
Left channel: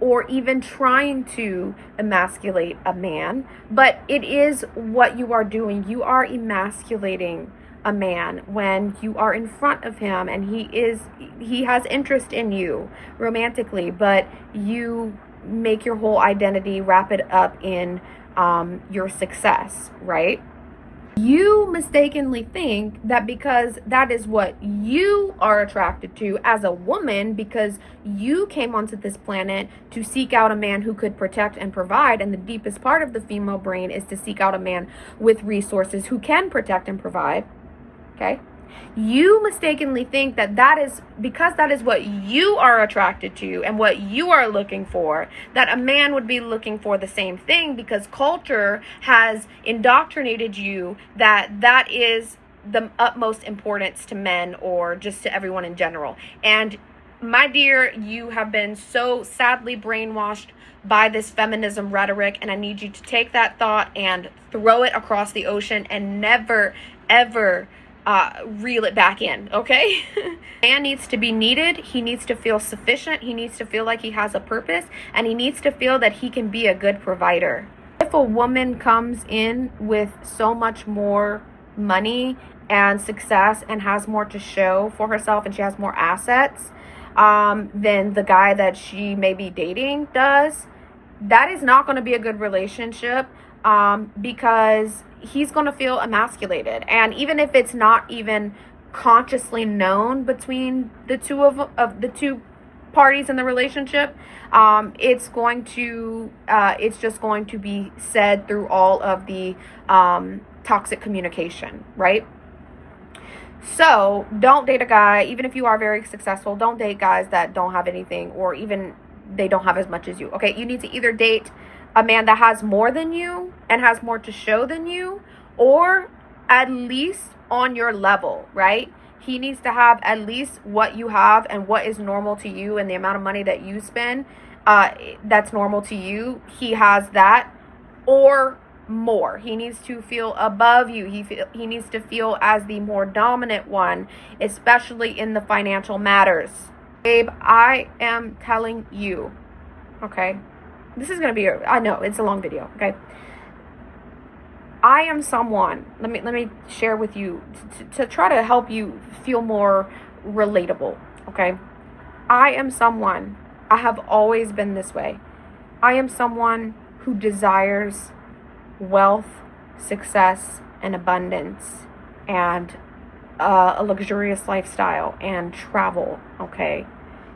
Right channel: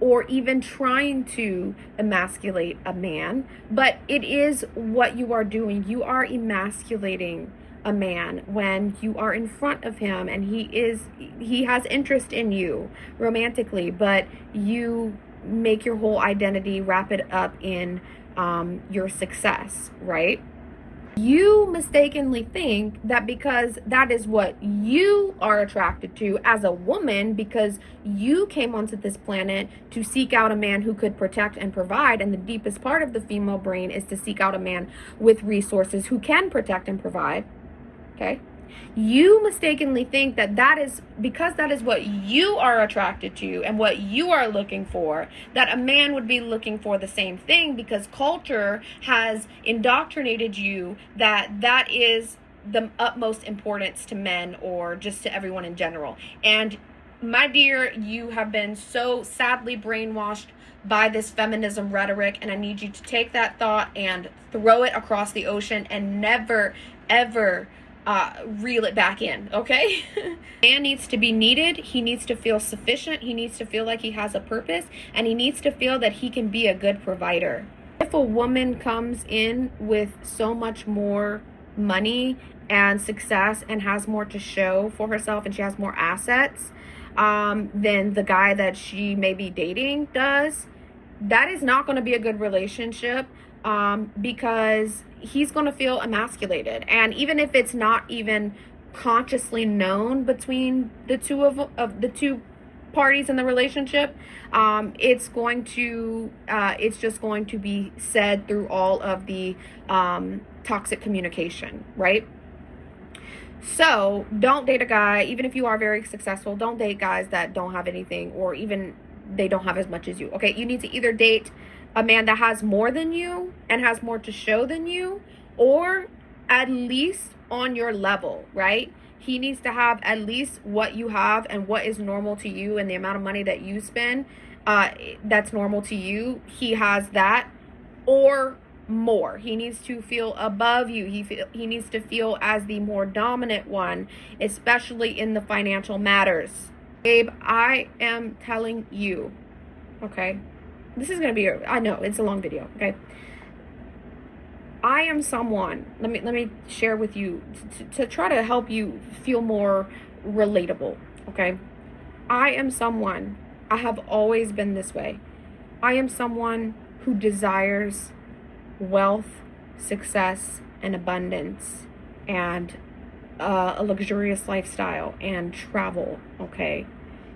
or even trying to emasculate a man, but it is what you are doing. You are emasculating a man when you are in front of him and he has interest in you romantically, but you make your whole identity wrap it up in your success, right? You mistakenly think that because that is what you are attracted to as a woman, because you came onto this planet to seek out a man who could protect and provide, and the deepest part of the female brain is to seek out a man with resources who can protect and provide, okay? You mistakenly think that that is because that is what you are attracted to and what you are looking for, that a man would be looking for the same thing, because culture has indoctrinated you that that is the utmost importance to men or just to everyone in general. And my dear, you have been so sadly brainwashed by this feminism rhetoric, and I need you to take that thought and throw it across the ocean and never, ever reel it back in, okay? Man needs to be needed. He needs to feel sufficient. He needs to feel like he has a purpose, and he needs to feel that he can be a good provider. If a woman comes in with so much more money and success and has more to show for herself, and she has more assets than the guy that she may be dating does, that is not going to be a good relationship, because he's going to feel emasculated. And even if it's not even consciously known between the two of the two parties in the relationship, it's just going to be said through all of the toxic communication, right? So don't date a guy, even if you are very successful, don't date guys that don't have anything, or even they don't have as much as you. Okay, you need to either date a man that has more than you and has more to show than you, or at least on your level, right? He needs to have at least what you have and what is normal to you, and the amount of money that you spend that's normal to you. He has that or more. He needs to feel above you. He needs to feel as the more dominant one, especially in the financial matters. Babe, I am telling you, okay? This is going to be, I know, it's a long video, okay? I am someone, let me share with you to try to help you feel more relatable, okay? I am someone, I have always been this way. I am someone who desires wealth, success, and abundance, and a luxurious lifestyle and travel, okay?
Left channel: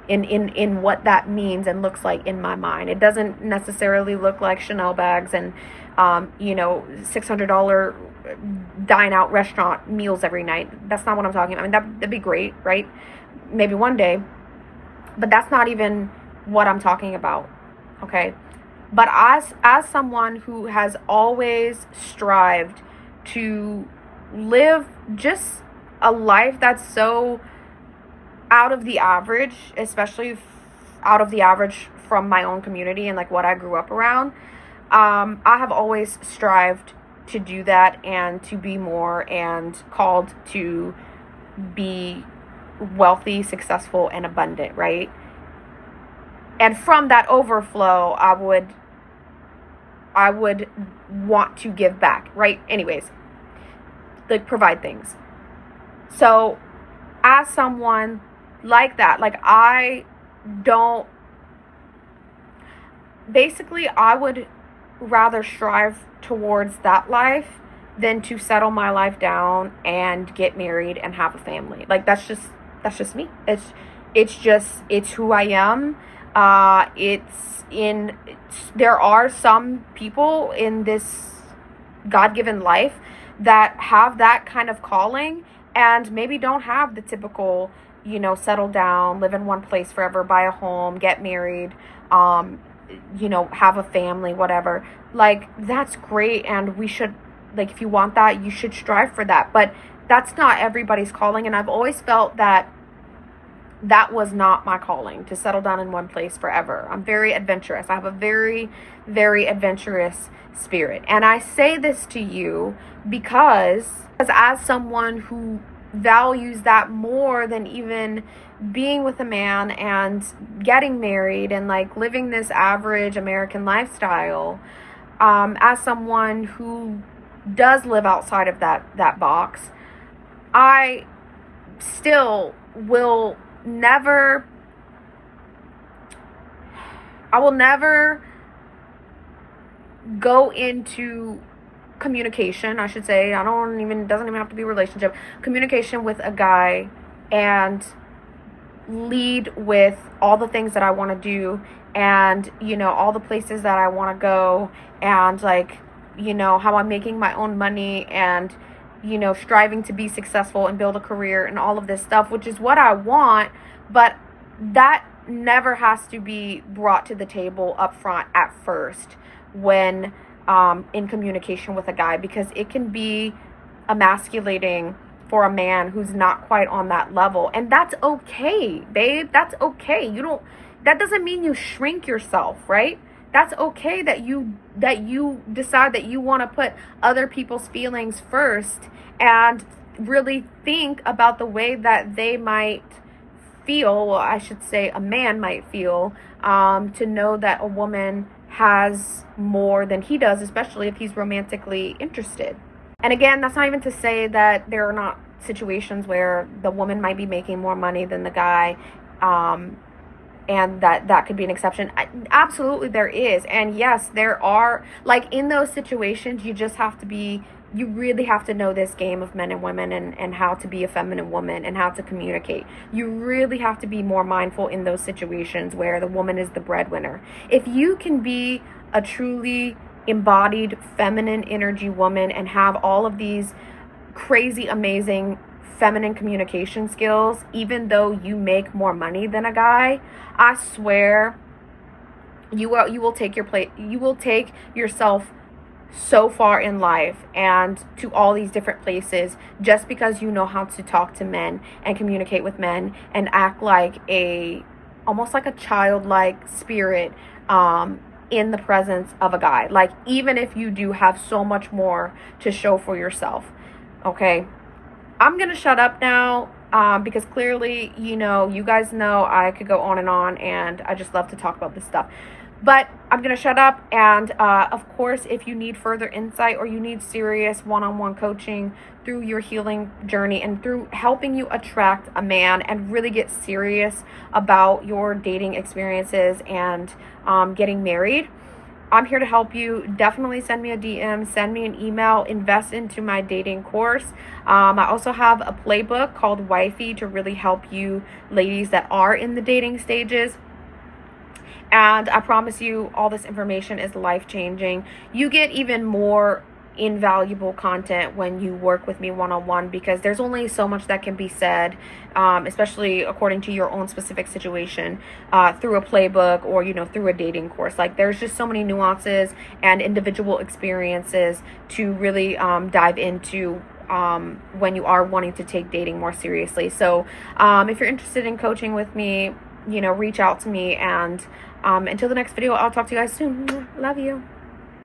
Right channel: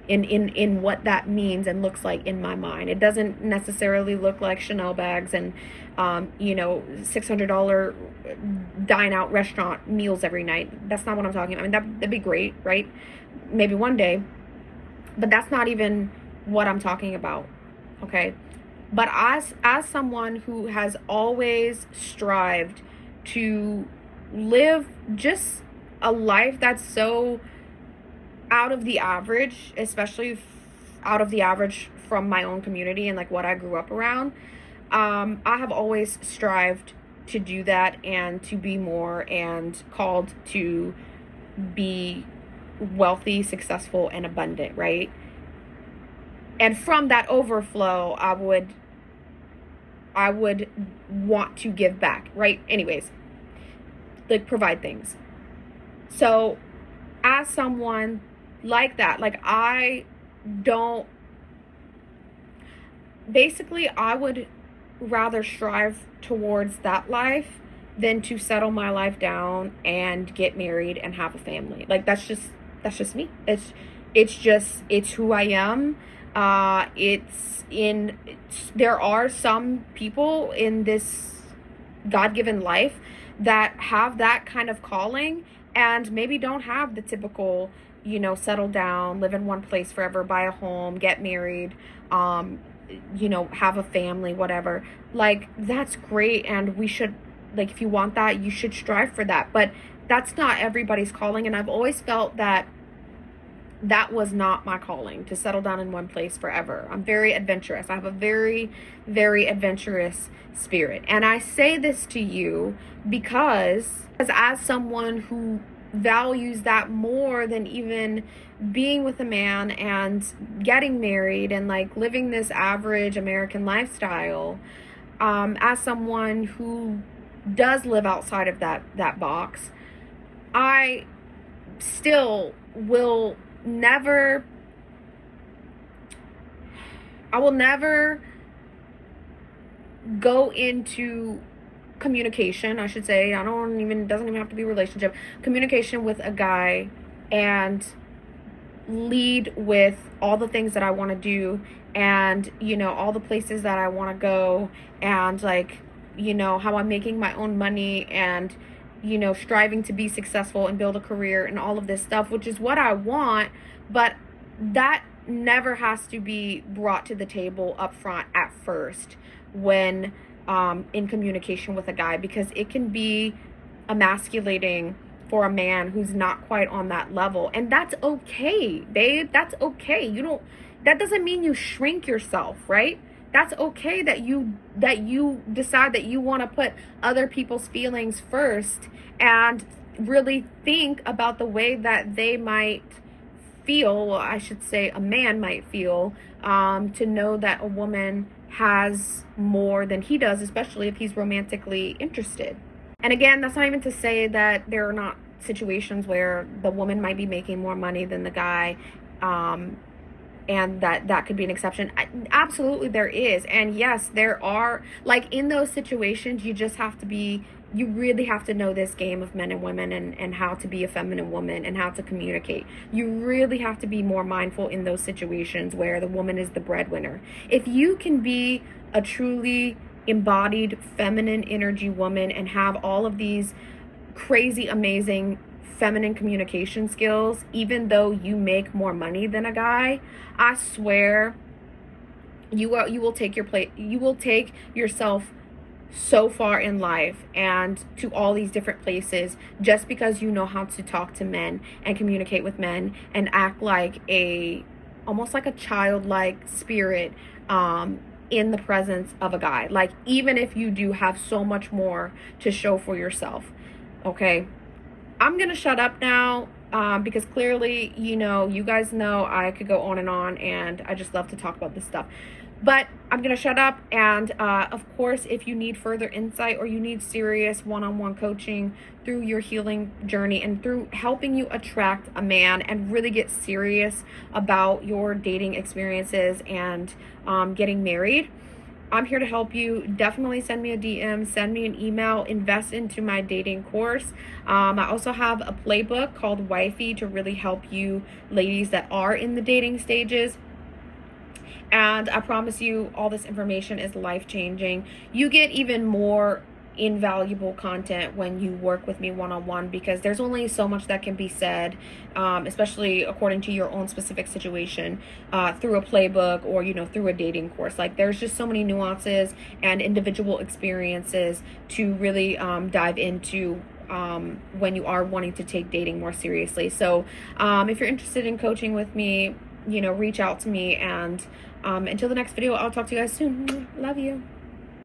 In what that means and looks like in my mind. It doesn't necessarily look like Chanel bags and $600 dine out restaurant meals every night. That's not what I'm talking about. I mean, that'd be great, right? Maybe one day, but that's not even what I'm talking about, okay? But as someone who has always strived to live just a life that's so out of the average, especially out of the average from my own community and like what I grew up around, I have always strived to do that and to be more, and called to be wealthy, successful, and abundant, right? And from that overflow, I would want to give back, right? Anyways, like provide things. So as someone like that, like I would rather strive towards that life than to settle my life there and get married and have a family. Like that's just me. It's who I am. There are some people in this God-given life that have that kind of calling and maybe don't have the typical, settle down, live in one place forever, buy a home, get married, have a family, whatever. Like, that's great, and we should, like, if you want that, you should strive for that. But that's not everybody's calling, and I've always felt that was not my calling, to settle down in one place forever. I'm very adventurous. I have a very, very adventurous spirit. And I say this to you because as someone who values that more than even being with a man and getting married and like living this average American lifestyle, as someone who does live outside of that box, I still will never go into communication, I should say. Doesn't even have to be a relationship. Communication with a guy and lead with all the things that I want to do, and all the places that I want to go, and like how I'm making my own money, and striving to be successful and build a career and all of this stuff, which is what I want. But that never has to be brought to the table up front at first when in communication with a guy, because it can be emasculating for a man who's not quite on that level. And that's okay, babe. That's okay. That doesn't mean you shrink yourself, right? That's okay that you decide that you want to put other people's feelings first and really think about the way that they might feel, well, I should say a man might feel, to know that a woman has more than he does, especially if he's romantically interested. And again, that's not even to say that there are not situations where the woman might be making more money than the guy, and that could be an exception. Absolutely there is. And yes, there are, like, in those situations, you really have to know this game of men and women, and how to be a feminine woman and how to communicate. You really have to be more mindful in those situations where the woman is the breadwinner. If you can be a truly embodied feminine energy woman and have all of these crazy, amazing feminine communication skills, even though you make more money than a guy, I swear you will take yourself so far in life and to all these different places just because you know how to talk to men and communicate with men and act like almost like a childlike spirit in the presence of a guy. Like, even if you do have so much more to show for yourself. Okay, I'm gonna shut up now because clearly, you guys know I could go on, and I just love to talk about this stuff. But I'm going to shut up, and of course, if you need further insight or you need serious one-on-one coaching through your healing journey and through helping you attract a man and really get serious about your dating experiences and getting married, I'm here to help you. Definitely send me a DM, send me an email, invest into my dating course. I also have a playbook called WIFEY to really help you ladies that are in the dating stages. And I promise you, all this information is life-changing. You get even more invaluable content when you work with me one-on-one, because there's only so much that can be said, especially according to your own specific situation, through a playbook or, through a dating course. Like, there's just so many nuances and individual experiences to really dive into when you are wanting to take dating more seriously. So if you're interested in coaching with me, reach out to me, and until the next video, I'll talk to you guys soon. Love you.